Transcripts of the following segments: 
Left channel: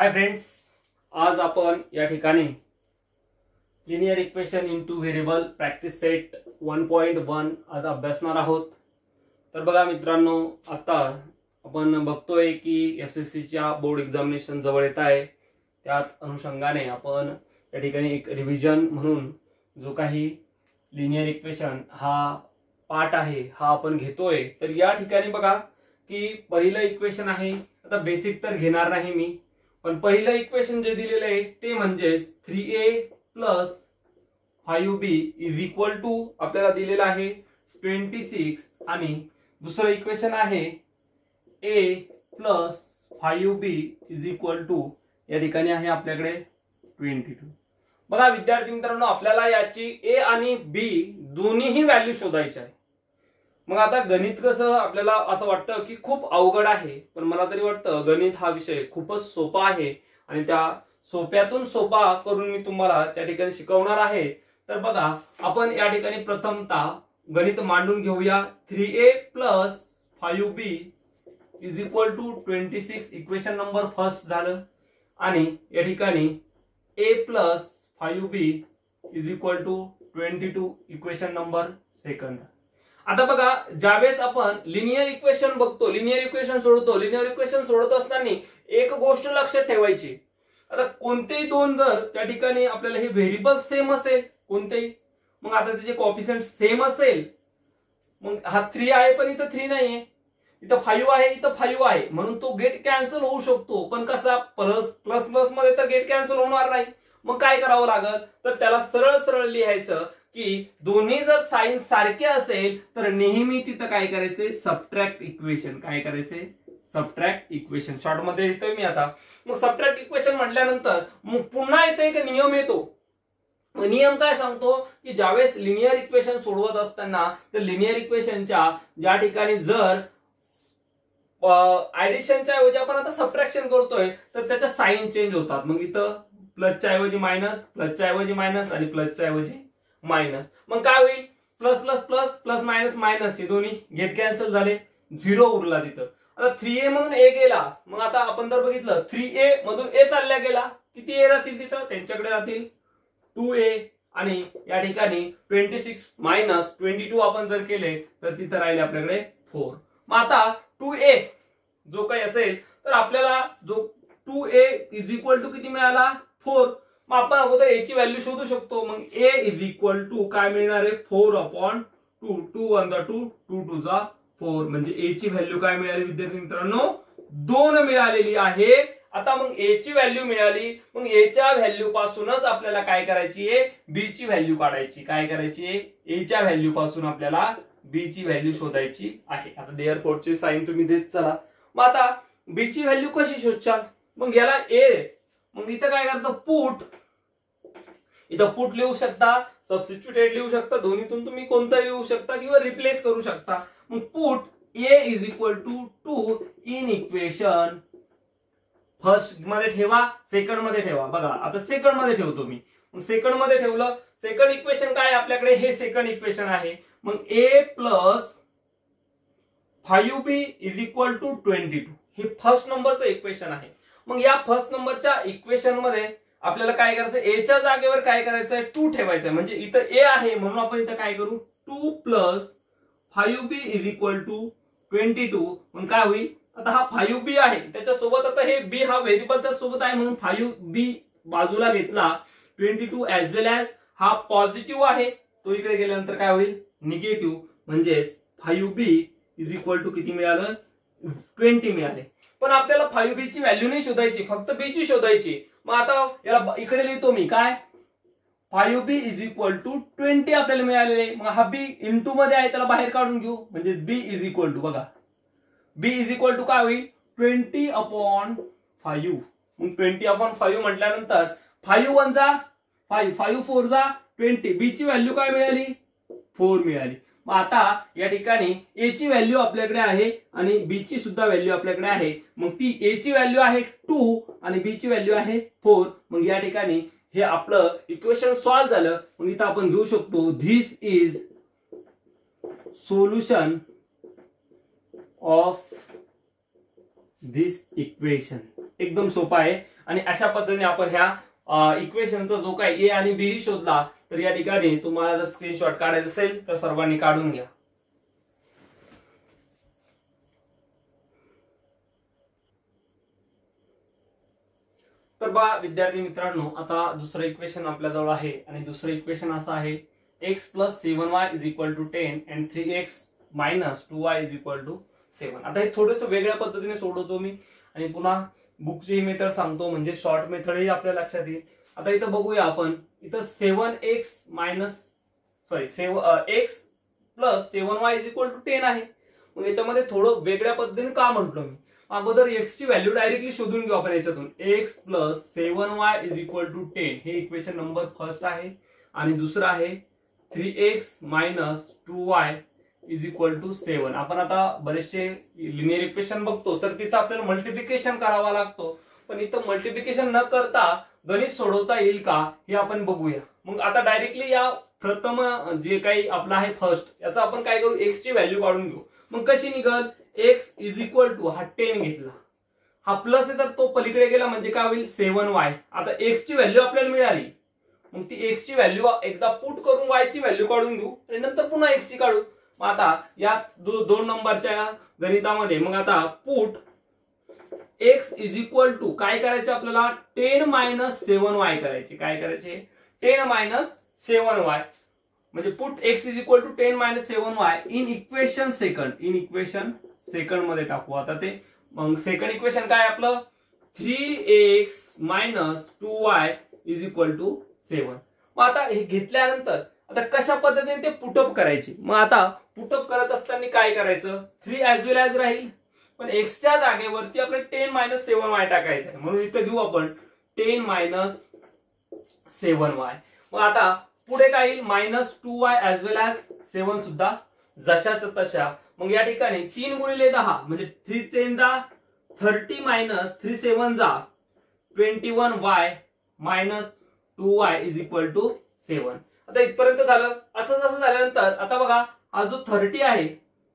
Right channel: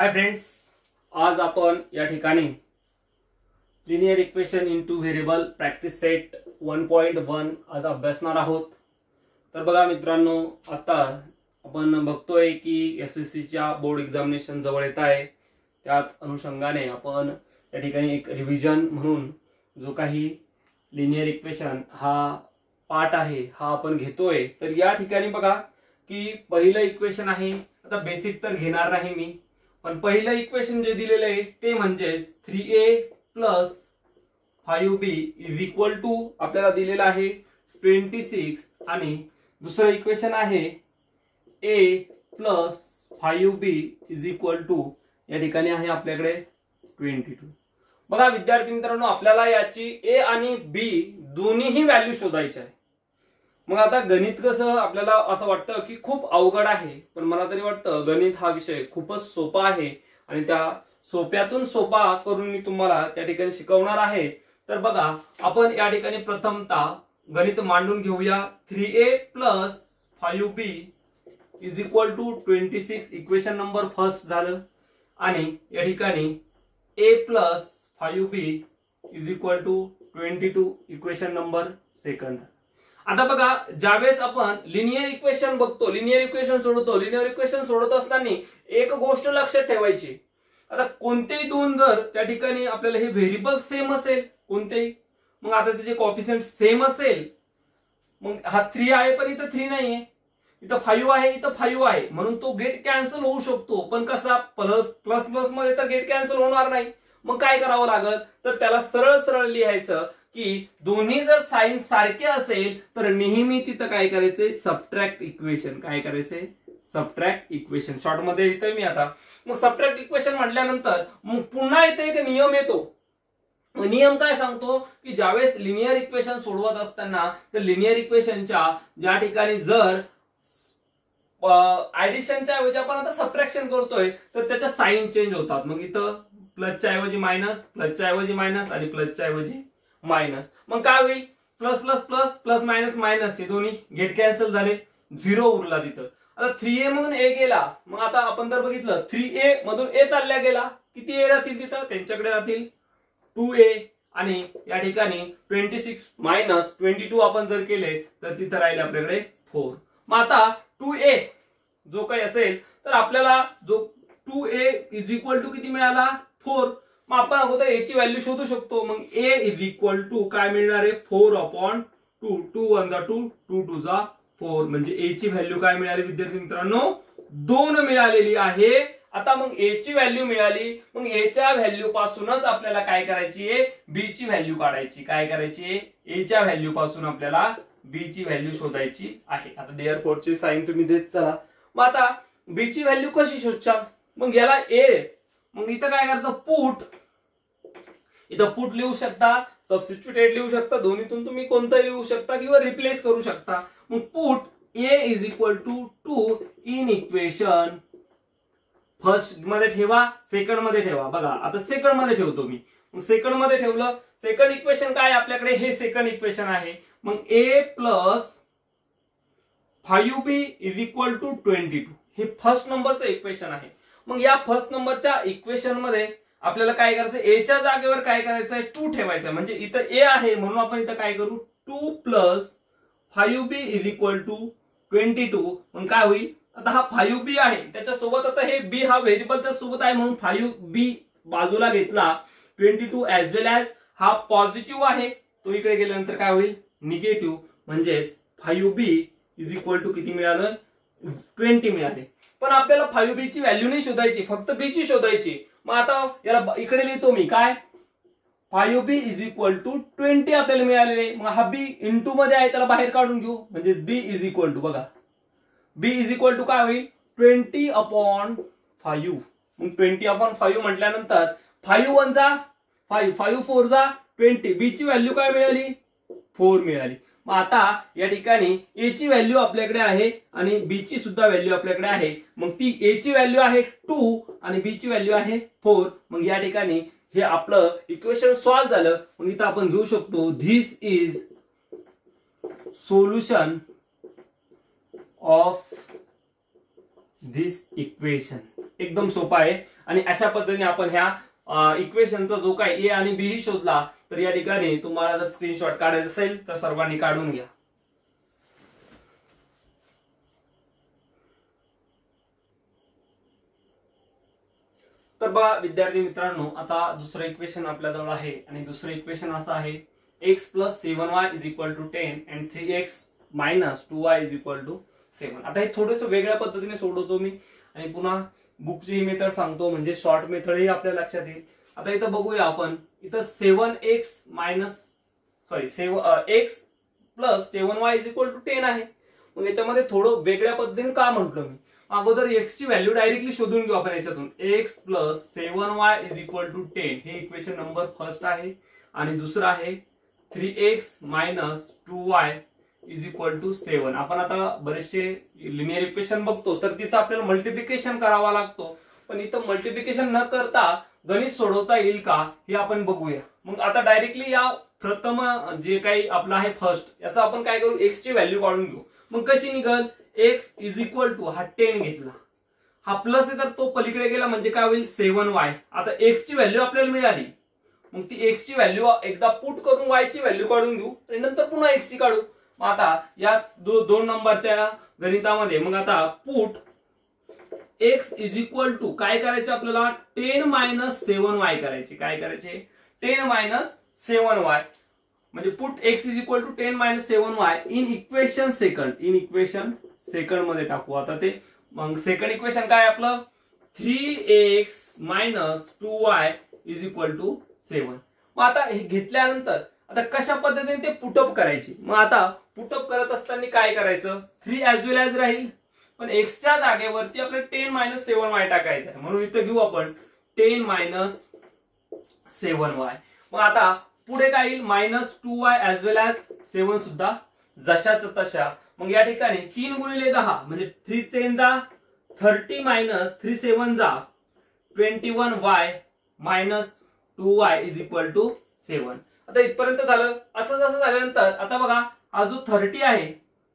Hi friends, आज आपण या ठिकाणी linear equation into variable practice set 1.1 आज अभ्यासणार आहोत। तर बघा मित्रांनो, आता आपण बघतोय की एसएससी च्या बोर्ड एक्झामिनेशन जवळ येत आहे। त्याच अनुषंगाने आपण या ठिकाणी एक रिव्हिजन म्हणून जो काही लिनियर इक्वेशन हा पार्ट आहे हा आपण घेतोय। तर या ठिकाणी बघा की पहिलं इक्वेशन आहे, आता बेसिक तर घेणार नाही मी, पण पहिलं इक्वेशन जे दिलेलं आहे ते म्हणजे 3a + 5b is equal to आपल्याला दिलेलं आहे 26 आणि दुसरं इक्वेशन आहे a + 5b is equal to या ठिकाणी आहे आपल्याकडे 22। बघा विद्यार्थी मित्रांनो, आपल्याला याची a आणि b दोन्हीही व्हॅल्यू शोधायची आहे। मग आता गणित कसं आपल्याला असं वाटतं की खूप अवघड आहे, पण मला तरी वाटतं गणित हा विषय खूपच सोपा आहे आणि त्या सोप्यातून सोपा करून मी तुम्हाला त्या ठिकाणी शिकवणार आहे। तर बघा आपण या ठिकाणी प्रथमतः गणित मांडून घेऊया। 3a + 5b is equal to 26 equation number first झालं आणि या ठिकाणी a + 5b is equal to 22 equation number second. आता बघा ज्यावेळेस आपण लिनियर इक्वेशन बघतो, लिनियर इक्वेशन सोडवतो, लिनियर इक्वेशन सोडवत असताना एक गोष्ट लक्षात ठेवायची, आता कोणतेही दोन जर त्या ठिकाणी आपल्याला हे व्हेरिएबल सेम असेल कोणतेही, मग आता त्याचे कोएफिशिएंट सेम असेल, मग हा 3 आहे पण इथं 3 नाहीये, इथं 5 आहे इथं 5 आहे, म्हणून तो गेट कॅन्सल होऊ शकतो। पण कसा प्लस प्लस प्लस मध्ये तर गेट कॅन्सल होणार नाही। मग काय करावं लागल, तर त्याला सरळ सरळ लिहायचं की दोन्ही जर साइन सारखे असेल तर नेहमी तिथं काय करायचंय, सबट्रॅक्ट इक्वेशन। काय करायचंय, सबट्रॅक्ट इक्वेशन। शॉर्ट मध्ये लिहितोय मी आता। मग सबट्रॅक्ट इक्वेशन म्हटल्यानंतर मग पुन्हा इथे एक नियम येतो। नियम काय सांगतो की ज्यावेळेस लिनियर इक्वेशन सोडवत असताना तर लिनियर इक्वेशनच्या ज्या ठिकाणी जर ऍडिशनच्या ऐवजी आपण आता सबट्रॅक्शन करतोय तर त्याच्या साइन चेंज होतात। मग इथं प्लसच्या ऐवजी मायनस, प्लसच्या ऐवजी मायनस आणि प्लसच्या ऐवजी मायनस। मग काय होईल, plus plus plus plus minus minus हे दोन्ही गेट कॅन्सल झाले, 0 उरला तिथं। आता 3a मधून a गेला, मग आता आपण जर बघितलं 3a मधून a चालल्या गेला, किती a राहतील तिथं, त्यांच्याकडे राहतील 2a आणि या ठिकाणी 26 मायनस 22 आपण जर केले तर तिथं राहिले आपल्याकडे 4। मग आता 2a जो काही असेल तर आपल्याला जो 2a इज इक्वल टू किती मिळाला, 4। मग आपण अगोदर a ची व्हॅल्यू शोधू शकतो। मग a इज इक्वल टू काय मिळणार आहे, 4/2, 2 1 2, 2 2 4, म्हणजे a ची व्हॅल्यू काय मिळाली विद्यार्थी मित्रांनो, 2 मिळालेली आहे। आता मग a ची व्हॅल्यू मिळाली, मग a च्या व्हॅल्यू पासूनच आपल्याला काय करायची आहे, b ची व्हॅल्यू काढायची। काय करायची आहे, a च्या व्हॅल्यू पासून आपल्याला b ची व्हॅल्यू शोधायची आहे। आता देअरफॉर ची साइन तुम्ही देत चला। मग आता b ची व्हॅल्यू कशी शोधचाल, मग याला a, मग इथं काय करायचं, पुट, इथं पुट लिहू शकता, सबस्टिट्यूटेड लिहू शकता, दोन्हीतून तुम्ही कोणताही लिहू शकता किंवा रिप्लेस करू शकता। मग put a is equal to 2 in equation first मध्ये ठेवा, सेकंड मध्ये ठेवा। बघा आता सेकंड मध्ये ठेवतो मी, मग सेकंड मध्ये ठेवलं, सेकंड इक्वेशन काय आपल्याकडे, हे सेकंड इक्वेशन आहे। मग a + 5b is equal to 22 हे फर्स्ट नंबरचं इक्वेशन आहे। मग या फर्स्ट नंबरच्या इक्वेशन मध्ये आपल्याला काय करायचं, a च्या जागेवर काय करायचंय, 2 ठेवायचं, म्हणजे इथं a आहे म्हणून आपण इथं काय करू, 2 + 5b इज इक्वल टू 22। मग काय होईल, आता हा 5b आहे त्याच्यासोबत आता हे b हा व्हेरिएबल त्या सोबत आहे म्हणून 5b बाजूला घेतला, 22 ऍज वेल ऍज हा पॉझिटिव्ह आहे तो इकडे गेल्यानंतर काय होईल, निगेटिव्ह, म्हणजेच 5b इज इक्वल टू किती मिळालं, 20 मिळाले। पण आपल्याला 5b ची व्हॅल्यू नाही शोधायची, फक्त b ची शोधायची। मग आता याला इकडे लिहितो मी, काय 5b इज इक्वल टू 20 आपल्याला मिळालेले। मग हा b इंटू मध्ये आहे त्याला बाहेर काढून घेऊ, म्हणजे b इज इक्वल टू, बघा b इज इक्वल टू काय होईल, 20/5। मग 20/5 म्हटल्यानंतर 5 1 जा 5, 5 4 जा 20, b ची व्हॅल्यू काय मिळाली, 4 मिळाली। मग आता या ठिकाणी a ची व्हॅल्यू आपल्याकडे आहे आणि b ची सुद्धा व्हॅल्यू आपल्याकडे आहे। मग ती a ची व्हॅल्यू आहे 2 आणि b ची व्हॅल्यू आहे 4। मग या ठिकाणी हे आपलं इक्वेशन सॉल्व्ह झालं। मग इथं आपण घेऊ शकतो, this is solution of this equation. एकदम सोपा आहे आणि अशा पद्धतीने आपण ह्या इक्वेशनचा जो काय ए आणि बी शोधला, तर या ठिकाणी तुम्हाला जर स्क्रीनशॉट काढायचा असेल तर सर्वांनी काढून घ्या. तर बघा विद्यार्थी मित्रांनो, आता दुसरं इक्वेशन आपल्याजवळ आहे आणि दुसरं इक्वेशन असं आहे x + 7y = 10 and 3x - 2y = 7. आता हे थोडंसं वेगळ्या पद्धतीने सोडवतो मी आणि पुन्हा बुकची ही मेथड सांगतो, म्हणजे शॉर्ट मेथड ही आपल्या लक्षात येईल. आता इथं बघूया आपण, इथं 7x + 7y = 10 आहे. मग याच्यामध्ये थोडं वेगळ्या पद्धतीने का म्हटलं मी, अगोदर x ची व्हॅल्यू डायरेक्टली शोधून घेऊ आपण याच्यातून. x + 7y = 10 हे इक्वेशन नंबर फर्स्ट आहे आणि दुसरं आहे 3x - 2y = 7. आपण आता बरेचसे लिनियर इक्वेशन बघतो तर तिथं आपल्याला मल्टिप्लिकेशन करावा लागतो, पण इथं मल्टिप्लिकेशन न करता गणित सोडवता येईल का हे आपण बघूया. मग आता डायरेक्टली या प्रथम जे काही आपलं आहे फर्स्ट, याचा आपण काय करू, x ची व्हॅल्यू काढून घेऊ. मग कशी निघल, x = हा 10 घेतला, हा प्लस आहे तर तो पलीकडे गेला म्हणजे काय होईल 7y. आता x ची व्हॅल्यू आपल्याला मिळाली, मग ती x ची व्हॅल्यू एकदा पुट करून y ची व्हॅल्यू काढून घेऊ आणि नंतर पुन्हा x ची काढू. मग आता या दोन नंबरच्या गणितामध्ये मग आता पुट x = काय करायचे आपल्याला 10 - 7y करायचे. काय करायचे 10 - 7y, म्हणजे put x = 10 - 7y in equation second मध्ये टाकू. आता ते मग सेकंड इक्वेशन काय आपलं 3x - 2y = 7. मग आता हे घेतल्यानंतर आता कशा पद्धतीने ते पुटअप करायचे. मग आता पुटअप करत असताना काय करायचं, 3 ॲज वेल ॲज राहील, पण x च्या जागेवरती आपल्याला 10 - 7y टाकायचं आहे. म्हणून इथं घेऊ आपण 10 - 7y. मग आता पुढे काय येईल -2y ॲज वेल ॲज 7 सुद्धा जशाच तशा. मग या ठिकाणी 3 × 10 म्हणजे 3 × 10 = 30 - 3 × 7 = 21y - 2y = 7. आता इथपर्यंत झालं. असं जसं झाल्यानंतर आता बघा हा जो 30 आहे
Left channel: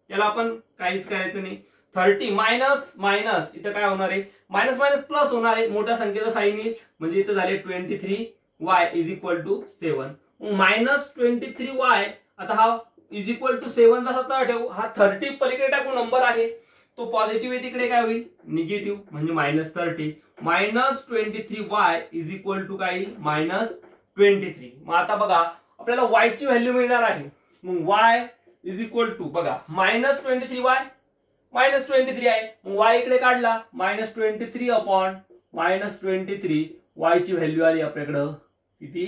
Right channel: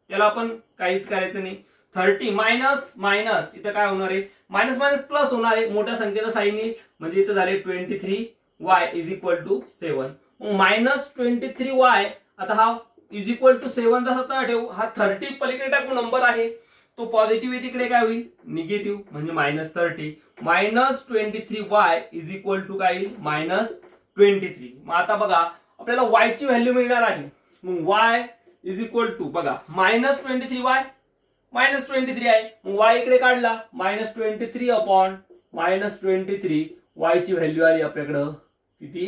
त्याला आपण काहीच करायचं नाही. 30 मायनस इथं काय होणार आहे, मायनस मायनस प्लस होणार आहे, मोठ्या संख्येचा साइन येईल, म्हणजे इथं झाले 23y = 7. -23y आता हा =7 जसा ठेवू, हा 30 पलीकडे टाकू नंबर आहे तो पॉझिटिव्ह आहे, तिकडे काय होईल निगेटिव्ह, म्हणजे -30 -23y = काय येईल -23. मग आता बघा आपल्याला y ची व्हॅल्यू मिळणार आहे. मग y = बघा -23y -23 आहे, मग y इकडे काढला -23 -23 y ची व्हॅल्यू आली आपल्याकडं किती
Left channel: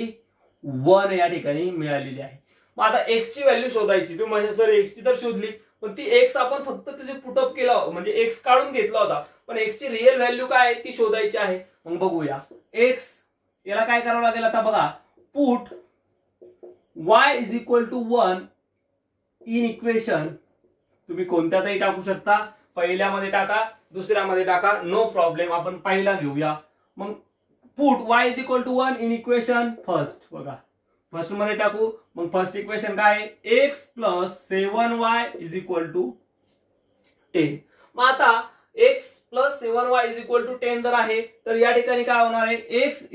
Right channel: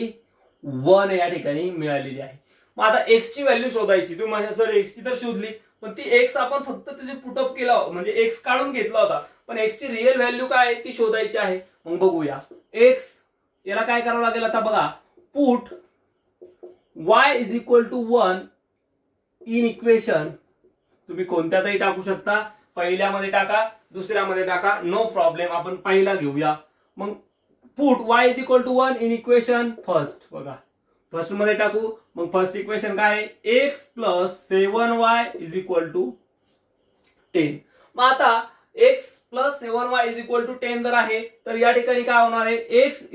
1 या ठिकाणी मिळालेली आहे. मग आता x ची व्हॅल्यू शोधायची. तुम्ही म्हणजे सर x ची तर शोधली, पण ती x आपण फक्त त्याचे पुटअप केला, म्हणजे x काढून घेतला होता, पण x ची रिअल व्हॅल्यू काय ती शोधायची आहे. मग बघूया x याला काय करावं लागेल. आता बघा पुट y = 1 इन इक्वेशन, तुम्ही कोणत्यातही टाकू शकता, पहिल्यामध्ये टाका दुसऱ्यामध्ये टाका, नो प्रॉब्लेम. आपण पहिला घेऊया. मग put y = 1 in equation first, बघा फर्स्ट मध्ये टाकू. मग फर्स्ट इक्वेशन काय आहे x + 7y = 10. मग आता x + 7y = 10 जर आहे तर या ठिकाणी काय होणार आहे x =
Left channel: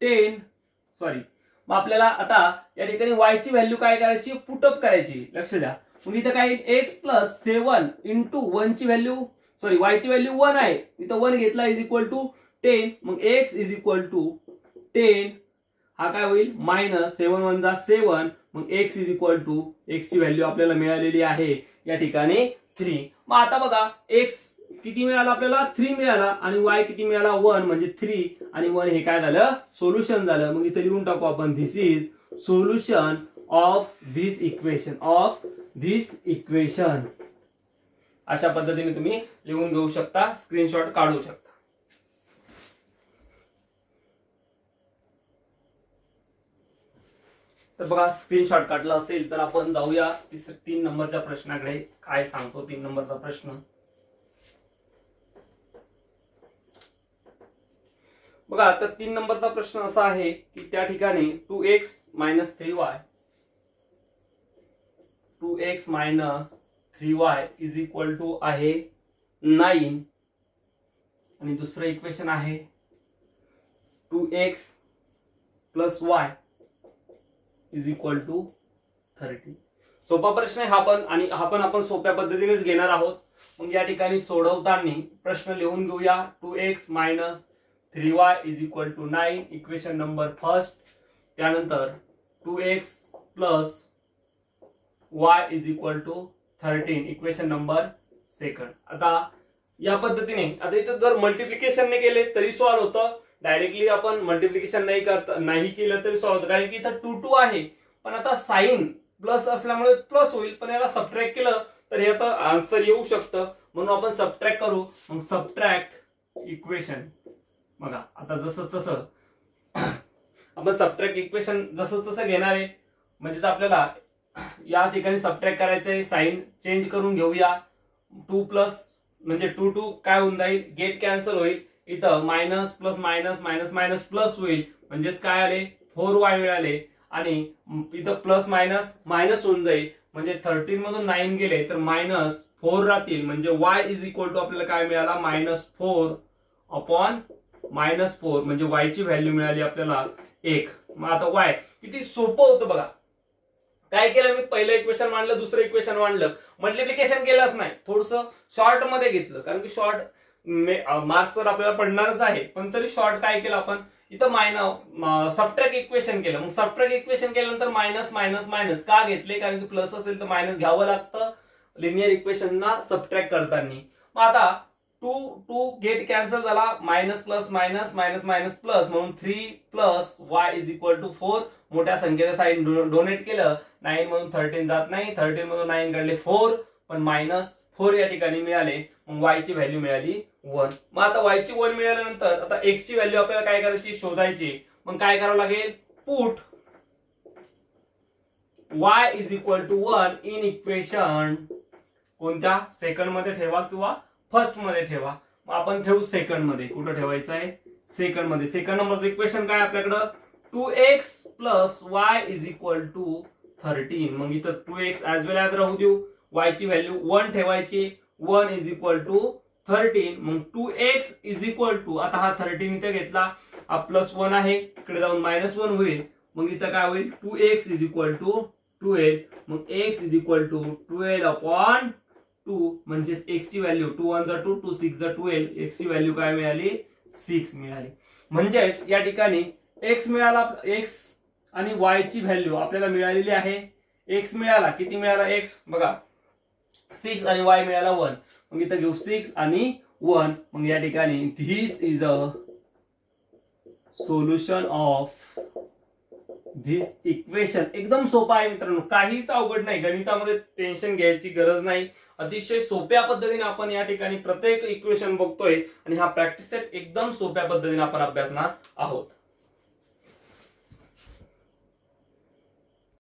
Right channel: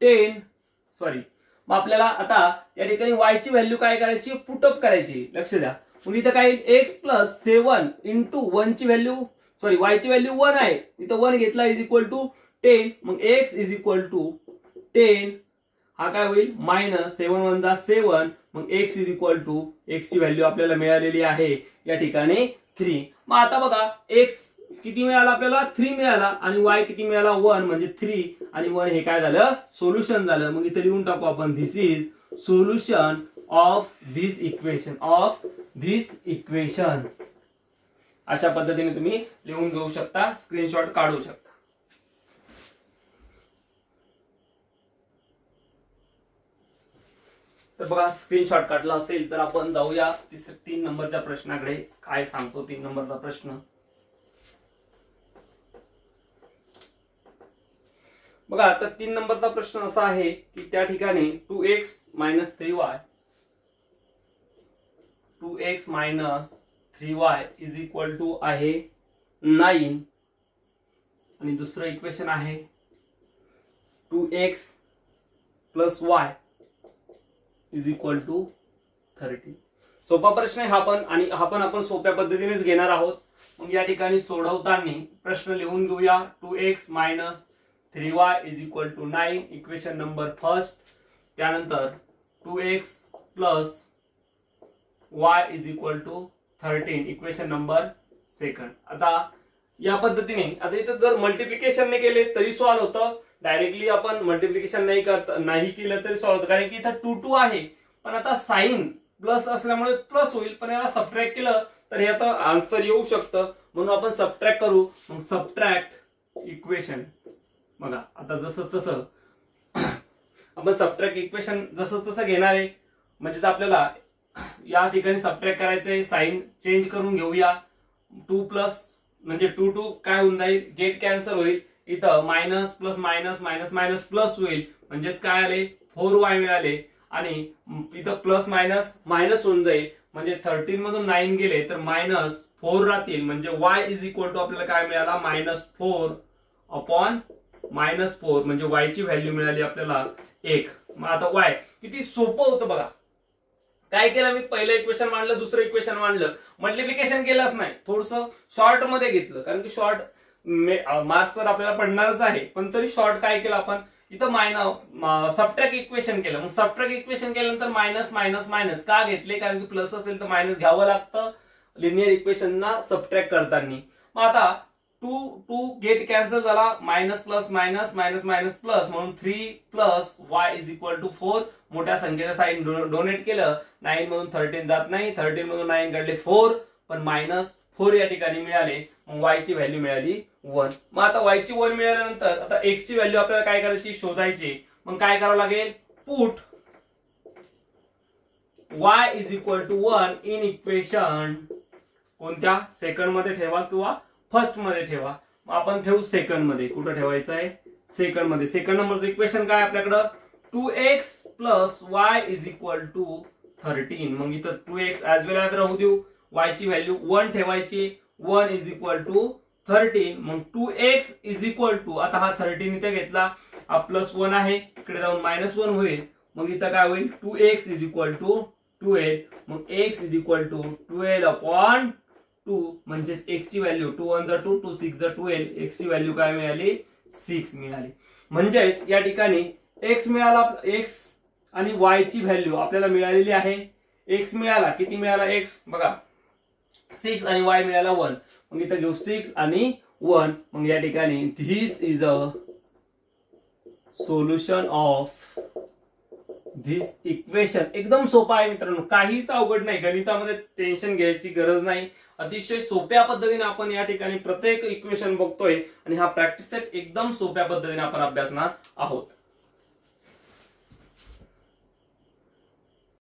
10 मग आपल्याला आता या ठिकाणी y ची व्हॅल्यू काय करायची पुटअप करायची. लक्ष द्या. मग इथं काय येईल x + 7 × 1 ची व्हॅल्यू y ची व्हॅल्यू 1 आहे, इथं 1 घेतला = 10. मग x = 10 हा काय होईल -7 × 7. मग x ची व्हॅल्यू आपल्याला मिळालेली आहे या ठिकाणी 3. मग आता बघा x किती मिळाला आपल्याला 3 मिळाला आणि y किती मिळाला 1, म्हणजे 3 आणि 1 हे काय झालं सोल्युशन झालं. मग इथे लिहून टाकू आपण this is solution of this equation. अशा पद्धतीने तुम्ही लिहून घेऊ शकता, स्क्रीनशॉट काढू शकता. तर बघा स्क्रीनशॉट काढला असेल तर आपण जाऊया 3 नंबरच्या प्रश्नाकडे. काय सांगतो 3 नंबरचा प्रश्न. बघा तर 3 नंबरचा प्रश्न असा आहे की त्या ठिकाणी 2x - 3y = आहे 9 आणि दुसरं इक्वेशन आहे 2x plus y is equal to 13. सोपा प्रश्न आहे हा पण, आणि हा पण आपण सोप्या पद्धतीनेच घेणार आहोत. मग या ठिकाणी सोडवताना प्रश्न लिहून घेऊया. 2x minus 3y is equal to 9 equation number first. त्यानंतर 2x plus y is equal to 13 equation number second. आता या पद्धतीने, आता इथं जर मल्टिप्लिकेशनने केले तरी सॉल्व्ह होतं, डायरेक्टली आपण मल्टिप्लिकेशन नाही केलं तरी सॉल्व्ह होतं, कारण की इथं 2 2 आहे. पण आता साइन प्लस असल्यामुळे प्लस होईल, पण याला सबट्रॅक्ट केलं तर याचं आन्सर येऊ शकतं, म्हणून आपण सबट्रॅक्ट करू. मग सबट्रॅक्ट इक्वेशन, बघा आता जसं तसं आपण सबट्रॅक्ट इक्वेशन जसं तसं घेणार आहे. म्हणजे आपल्याला या ठिकाणी सबट्रॅक्ट करायचंय, साइन चेंज करून घेऊया. 2 प्लस म्हणजे 2 2 काय होऊन जाईल, गेट कॅन्सल होईल. इथं minus plus minus minus minus plus होईल, म्हणजेच काय आले 4y मिळाले. आणि इथं प्लस मायनस मायनस होऊन जाईल, म्हणजे 13 मधून 9 गेले तर मायनस 4 राहतील, म्हणजे y इज इक्वल टू आपल्याला काय मिळाला -4 अपॉन -4, म्हणजे y ची व्हॅल्यू मिळाली आपल्याला 1. मग आता y किती सोपं होतं बघा. काय केलं मी, पहिलं इक्वेशन मांडलं, दुसरं इक्वेशन मांडलं, मल्टिप्लिकेशन केलंच नाही, थोडस शॉर्ट मध्ये घेतलं, कारण की शॉर्ट मार्क्स तर आपल्याला पडणारच आहे. पण तरी शॉर्ट काय केलं आपण, इथं सबट्रॅक्ट इक्वेशन केलं. मग सबट्रॅक्ट इक्वेशन केल्यानंतर मायनस मायनस मायनस का घेतले, कारण की प्लस असेल तर मायनस घ्यावं लागतं लिनियर इक्वेशनना सबट्रॅक्ट करताना. मग आता 2 2 गेट कॅन्सल झाला, minus plus minus minus minus plus, म्हणून 3 plus y is equal to 4. मोठ्या संख्येचं साइन डोनेट केलं, 9 मधून 13 जात नाही, 13 मधून 9 काढले 4, पण -4 या ठिकाणी मिळाले. मग y ची व्हॅल्यू मिळाली 1. मग आता y ची 1 मिळाल्यानंतर आता x ची व्हॅल्यू आपल्याला काय करायची, शोधायची. मग काय करावं लागेल, put y is equal to 1 in equation, कोणत्या, सेकंड मध्ये ठेवा किंवा फर्स्ट मध्ये ठेवा. मग आपण ठेवू सेकंड मध्ये. कुठं ठेवायचं आहे, सेकंड मध्ये. सेकंड नंबरचं इक्वेशन काय आपल्याकडं, 2x plus y is equal to 13. मग इथं 2x ऍज वेल ऍज राहू देऊ, y ची व्हॅल्यू 1 ठेवायची, 1 इज इक्वल टू 13. मग 2x इज इक्वल टू, आता हा 13 इथे घेतला, हा प्लस 1 आहे, इकडे जाऊन -1 होईल. मग इथं काय होईल, 2x इज इक्वल टू 12. मग x is equal to 12 upon 2, म्हणजेच x ची व्हॅल्यू 2 1 2 2 6 12, x ची व्हॅल्यू काय मिळाली, 6 मिळाली. म्हणजेच या ठिकाणी x मिळाला, x आणि y ची व्हॅल्यू आपल्याला मिळालेली आहे. x मिळाला, किती मिळाला x बघा, 6 आणि y मिळाला 1. मग इथं घेऊ 6 आणि 1. मग या ठिकाणी this is a solution of this equation. एकदम सोपा आहे मित्रांनो, काहीच अवघड नाही, गणितामध्ये टेन्शन घ्यायची गरज नाही. अतिशय सोप्या पद्धतीने आपण या ठिकाणी प्रत्येक इक्वेशन बघतोय, आणि हा प्रॅक्टिस सेट एकदम सोप्या पद्धतीने आपण अभ्यासणार आहोत.